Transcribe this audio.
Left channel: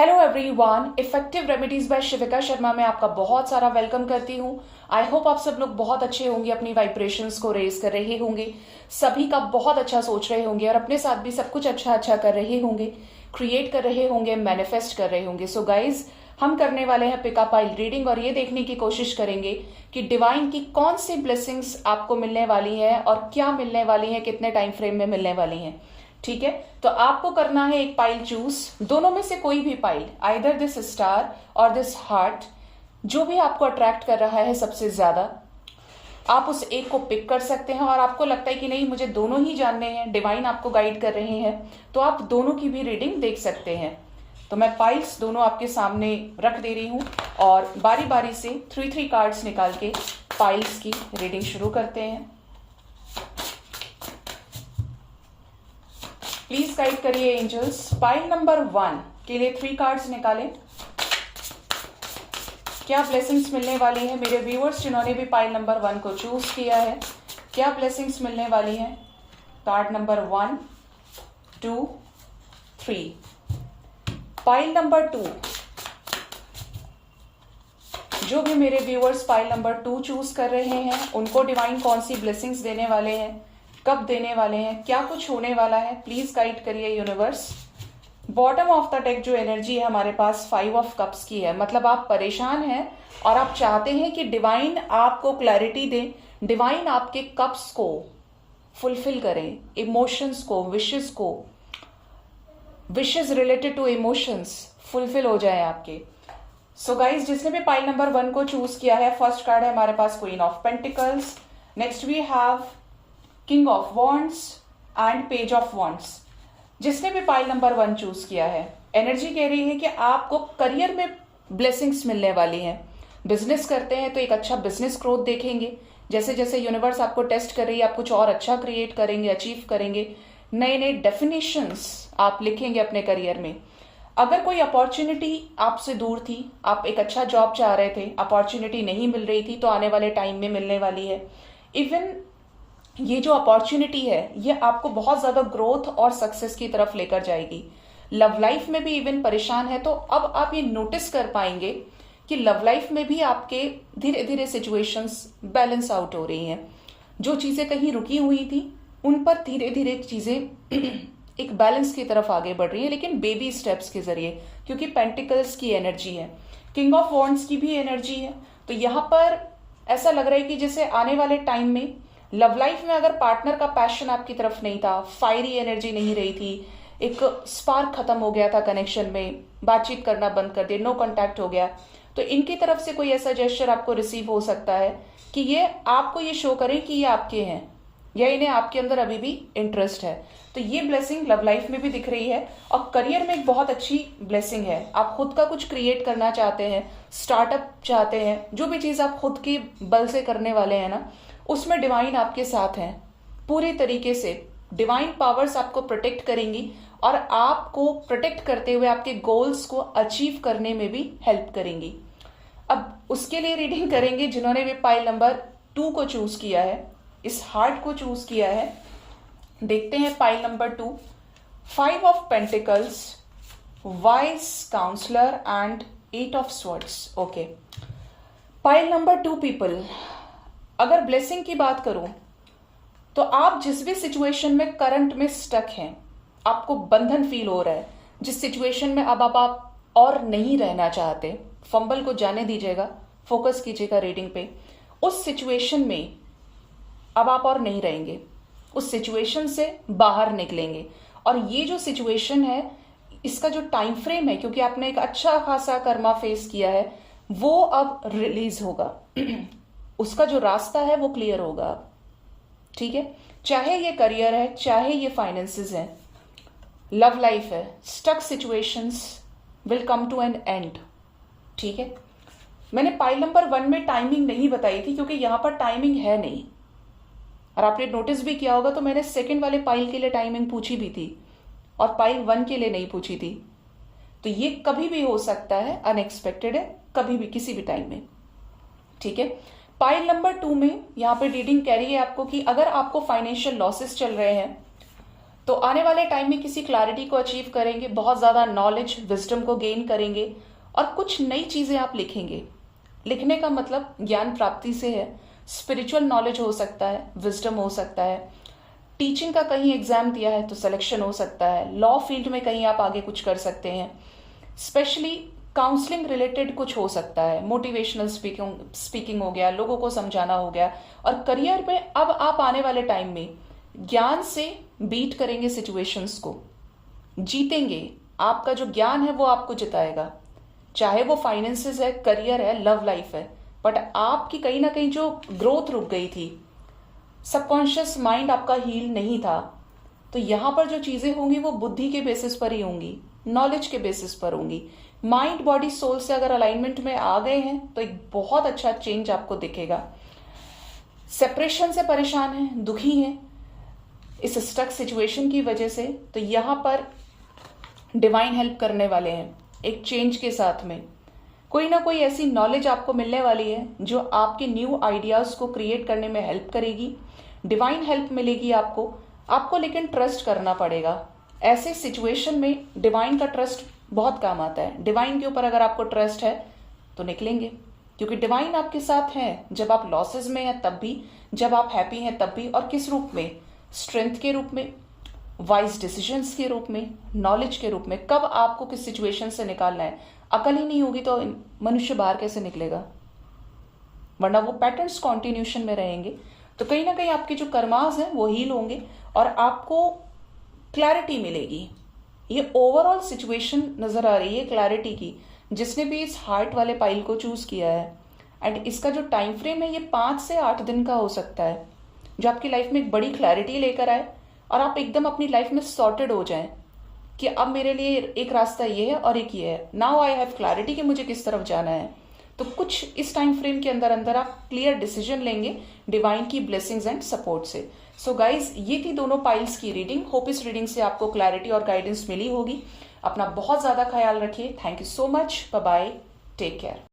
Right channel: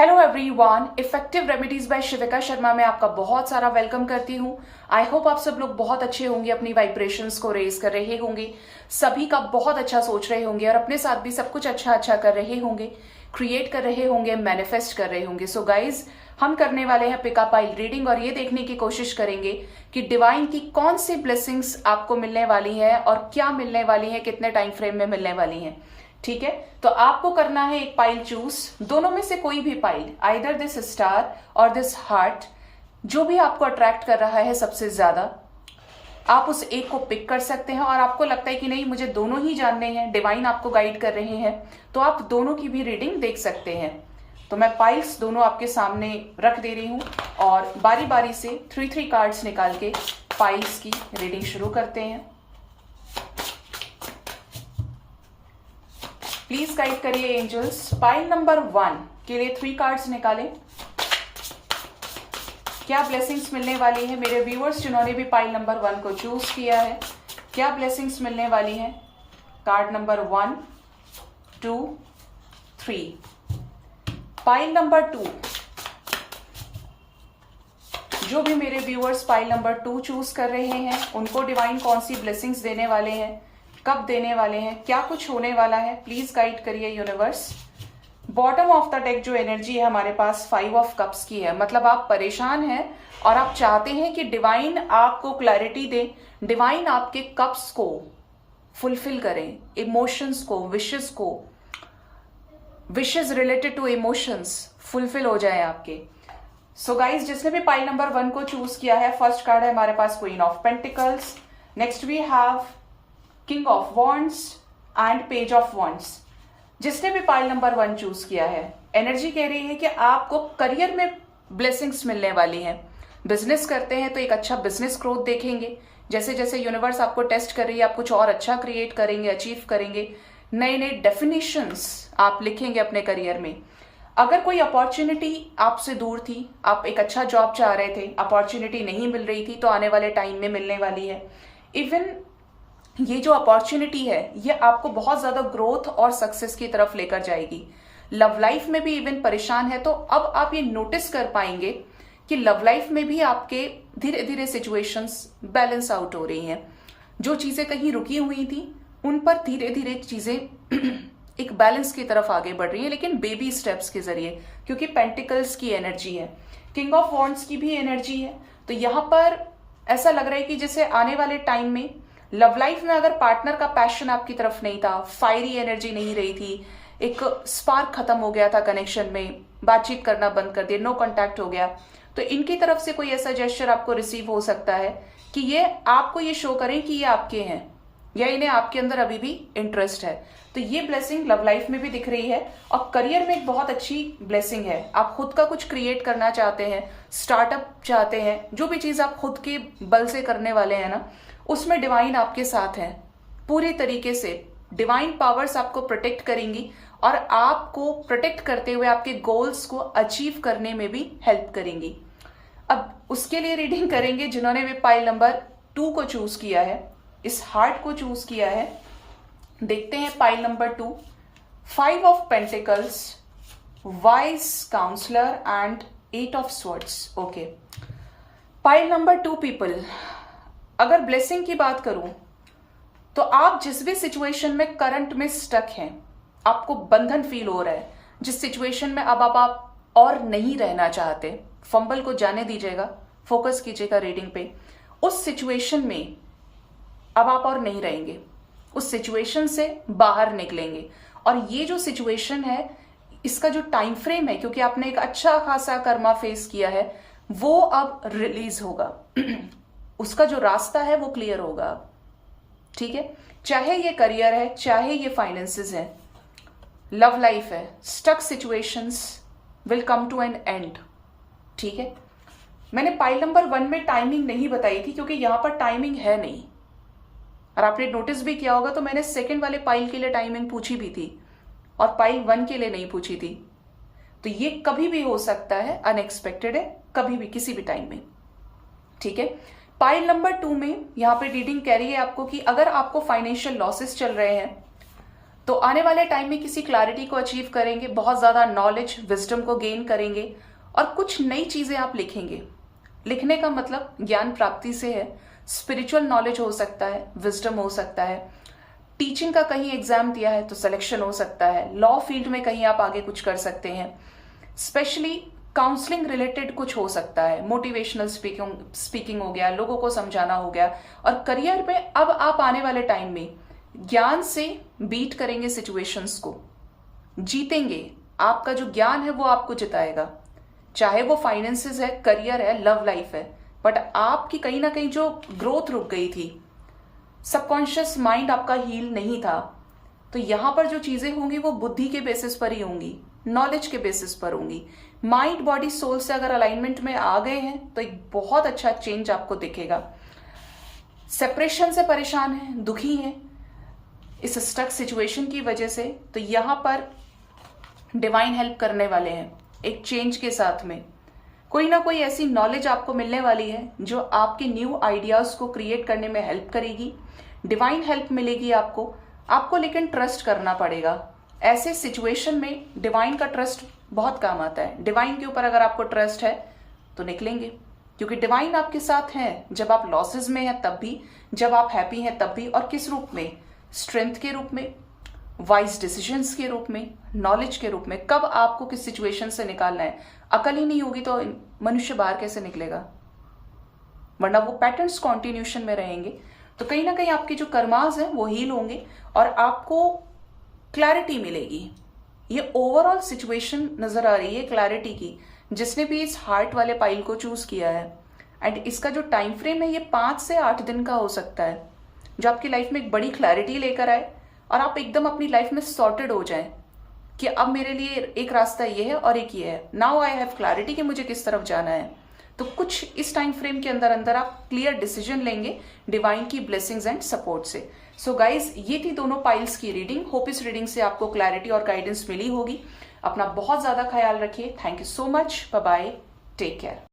Hello everyone, effective remedies by Shivika Sharma में आपका बहुत सारा वेलकम करती हूँ। आई होप आप सब लोग बहुत अच्छे होंगे, अपनी वाइब्रेशंस को रेज कर रहे होंगे, सभी का बहुत अच्छा सोच रहे होंगे और अपने साथ भी सब कुछ अच्छा अच्छा कर रहे होंगे, क्रिएट कर रहे होंगे, मैनिफेस्ट कर रहे होंगे। सो गाइज, हम करने वाले हैं पिकअप पाइल रीडिंग और ये देखने की कोशिश करेंगे कि डिवाइन की कौन सी ब्लेसिंग्स आपको मिलने वाली है और क्या मिलने वाली है, कितने टाइम फ्रेम में मिलने वाली है। ठीक है, तो आपको करना है एक पाइल चूज, दोनों में से कोई भी पाइल, आइदर दिस स्टार और दिस हार्ट, जो भी आपको अट्रैक्ट कर रहा है सबसे ज्यादा, आप उस एक को पिक कर सकते हैं। और आपको लगता है कि नहीं, मुझे दोनों ही जानने हैं, डिवाइन आपको गाइड कर रहे हैं, तो आप दोनों की भी रीडिंग देख सकते हैं। तो मैं पाइल्स दोनों आपके सामने रख दे रही हूं और बारी बारी से 3 कार्ड्स निकाल के पाइल्स की रीडिंग शुरू करते हैं। प्लीज गाइड करिए एंजल्स। पाइल नंबर 1 के लिए 3 कार्ड्स निकालें। क्या ब्लेसिंग्स मिलने वाली है मेरे व्यूअर्स जिन्होंने भी पाइल नंबर 1 को चूज किया है? क्या ब्लेसिंग्स मिलने वाली है? Card number 1, 2, 3। पाइल नंबर 2, जो भी मेरे व्यूअर्स पाइल नंबर 2 चूज कर रहे हैं, उनको डिवाइन कौन सी ब्लेसिंग्स देने वाले हैं, कब देने वाले हैं, क्या कुछ होने वाला है, प्लीज गाइड करिए universe. Bottom of the deck जो एनर्जी है हमारे पास 5 ऑफ कप्स की है, मतलब आप परेशान हैं और आप चाहते हैं कि डिवाइन आपको क्लैरिटी दे, डिवाइन आपके कप्स को फुलफिल करे, इमोशंस को, wishes related to emotions fulfil हो जाए आपके। सो गाइज, जिसने भी पाइल नंबर 1 को चूज किया है, फर्स्ट कार्ड है हमारे पास queen of pentacles, next we have king of wands and page of wands. जिसने भी पाइल नंबर 1 चूज किया है, एनर्जी कह रही है कि आपको करियर में ब्लेसिंग्स मिलने वाली है। बिजनेस करते हैं तो एक अच्छा बिजनेस ग्रोथ देखेंगे, जैसे जैसे यूनिवर्स आपको टेस्ट कर रही है, आप कुछ और अच्छा क्रिएट करेंगे, अचीव करेंगे, नए नए डेफिनेशंस आप लिखेंगे अपने करियर में। अगर कोई अपॉर्चुनिटी आपसे दूर थी, आप एक अच्छा जॉब चाह रहे थे, अपॉर्चुनिटी नहीं मिल रही थी, तो आने वाले टाइम में मिलने वाली है। इवन ये जो अपॉर्चुनिटी है, ये आपको बहुत ज्यादा ग्रोथ और सक्सेस की तरफ लेकर जाएगी। लव लाइफ में भी इवन परेशान है तो अब आप ये नोटिस कर पाएंगे कि लव लाइफ में भी आपके धीरे धीरे सिचुएशंस बैलेंस आउट हो रही हैं। जो चीजें कहीं रुकी हुई थी, उन पर धीरे धीरे चीजें एक बैलेंस की तरफ आगे बढ़ रही है, लेकिन बेबी स्टेप्स के जरिए, क्योंकि पेंटिकल्स की एनर्जी है, किंग ऑफ वॉन्ड्स की भी एनर्जी है। तो यहां पर ऐसा लग रहा है कि जैसे आने वाले टाइम में लव लाइफ में अगर पार्टनर का पैशन आपकी तरफ नहीं था, फायरी एनर्जी नहीं रही थी, एक स्पार्क खत्म हो गया था कनेक्शन में, बातचीत करना बंद कर दिया, नो कांटेक्ट हो गया, तो इनकी तरफ से कोई ऐसा जेस्चर आपको रिसीव हो सकता है कि ये आपको ये शो करें कि ये आपके हैं या इन्हें आपके अंदर अभी भी इंटरेस्ट है। तो ये ब्लेसिंग लव लाइफ में भी दिख रही है और करियर में एक बहुत अच्छी ब्लेसिंग है। आप खुद का कुछ क्रिएट करना चाहते हैं, स्टार्टअप चाहते हैं, जो भी चीज आप खुद के बल से करने वाले हैं ना, उसमें डिवाइन आपके साथ हैं पूरे तरीके से। डिवाइन पावर्स आपको प्रोटेक्ट करेंगी और आपको प्रोटेक्ट करते हुए आपके गोल्स को अचीव करने में भी हेल्प करेंगी। अब उसके लिए रीडिंग करेंगे जिन्होंने भी पाइल नंबर 2 को चूज किया है, इस हार्ट को चूज किया है। देखते हैं pile number 2, 5 of pentacles, wise counsellor and 8 of swords. Okay, pile number 2 people, अगर ब्लेसिंग की बात करूं तो आप जिस भी सिचुएशन में करंट में स्टक हैं, आपको बंधन फील हो रहा है, जिस सिचुएशन में अब आप और नहीं रहना चाहते, फंबल को जाने दीजिएगा, फोकस कीजिएगा रीडिंग पे। उस सिचुएशन में अब आप और नहीं रहेंगे, उस सिचुएशन से बाहर निकलेंगे। और ये जो सिचुएशन है, इसका जो टाइम फ्रेम है, क्योंकि आपने एक अच्छा खासा कर्मा फेस किया है, वो अब रिलीज होगा उसका जो रास्ता है वो क्लियर होगा। ठीक है, चाहे ये करियर है, चाहे ये फाइनेंसेस है, लव लाइफ है, stuck situations will come to an end. ठीक है, मैंने पाइल नंबर 1 में टाइमिंग नहीं बताई थी क्योंकि यहां पर टाइमिंग है नहीं, और आपने नोटिस भी किया होगा तो मैंने सेकंड वाले पाइल के लिए टाइमिंग पूछी भी थी और पाइल 1 के लिए नहीं पूछी थी। तो ये कभी भी हो सकता है, अनएक्सपेक्टेड है, कभी भी किसी भी टाइम में। ठीक है, पाइल नंबर 2 में यहां पे रीडिंग कह रही है आपको कि अगर आपको फाइनेंशियल लॉसेस चल रहे हैं, तो आने वाले टाइम में किसी क्लैरिटी को अचीव करेंगे, बहुत ज्यादा नॉलेज विजडम को गेन करेंगे और कुछ नई चीजें आप लिखेंगे। लिखने का मतलब ज्ञान प्राप्ति से है, स्पिरिचुअल नॉलेज हो सकता है, विजडम हो सकता है, टीचिंग का कहीं एग्जाम दिया है तो सिलेक्शन हो सकता है, लॉ फील्ड में कहीं आप आगे कुछ कर सकते हैं, स्पेशली काउंसलिंग रिलेटेड कुछ हो सकता है, मोटिवेशनल स्पीकिंग हो गया, लोगों को समझाना हो गया। और करियर में अब आप आने वाले टाइम में ज्ञान से बीट करेंगे, सिचुएशंस को जीतेंगे। आपका जो ज्ञान है वो आपको जिताएगा, चाहे वो फाइनेंसेस है, करियर है, लव लाइफ है। बट आपकी कहीं ना कहीं जो ग्रोथ रुक गई थी, सबकॉन्शियस माइंड आपका हील नहीं था, तो यहां पर जो चीजें होंगी वो बुद्धि के बेसिस पर ही होंगी, नॉलेज के बेसिस पर होंगी। माइंड बॉडी सोल से अगर अलाइनमेंट में आ गए हैं तो एक बहुत अच्छा चेंज आपको दिखेगा। सेपरेशन से परेशान है, दुखी है इस स्टक सिचुएशन की वजह से, तो यहां पर डिवाइन हेल्प करने वाले हैं। एक चेंज के साथ में कोई ना कोई ऐसी नॉलेज आपको मिलने वाली है जो आपके न्यू आइडियाज को क्रिएट करने में हेल्प करेगी। डिवाइन हेल्प मिलेगी आपको लेकिन ट्रस्ट करना पड़ेगा। ऐसे सिचुएशन में डिवाइन का ट्रस्ट बहुत काम आता है। डिवाइन के ऊपर अगर आपको ट्रस्ट है तो निकलेंगे, क्योंकि डिवाइन आपके साथ है जब आप लॉसेस में हैं तब भी, जब आप हैप्पी हैं तब भी। और किस रूप में? स्ट्रेंथ के रूप में, वाइज डिसीजंस के रूप में, नॉलेज के रूप में। कब आपको किस सिचुएशन से निकालना है, अकल ही नहीं होगी तो मनुष्य बाहर कैसे निकलेगा, वरना वो पैटर्न्स कॉन्टिन्यूशन में रहेंगे। तो कहीं ना कहीं आपके जो कर्मास हैं वो हील होंगे और आपको क्लैरिटी मिलेगी। ये ओवरऑल सिचुएशन नजर आ रही है क्लैरिटी की, जिसने भी इस हार्ट वाले पाइल को चूज किया है। एंड इसका जो टाइम फ्रेम है ये 5 से 8 दिन का हो सकता है, जो आपकी लाइफ में एक बड़ी क्लैरिटी लेकर आए और आप एकदम अपनी लाइफ में सॉर्टेड हो जाएं कि अब मेरे लिए एक रास्ता ये है और एक ये है। नाउ आई हैव क्लैरिटी कि मुझे किस तरफ जाना है। तो कुछ इस टाइम फ्रेम के अंदर अंदर आप क्लियर डिसीजन लेंगे डिवाइन की ब्लेसिंग्स एंड सपोर्ट से। सो गाइज, ये थी दोनों पाइल्स की रीडिंग। होप इस रीडिंग से आपको क्लैरिटी और गाइडेंस मिली होगी। अपना बहुत ज्यादा ख्याल रखिए। Thank you so much. Bye bye, take care.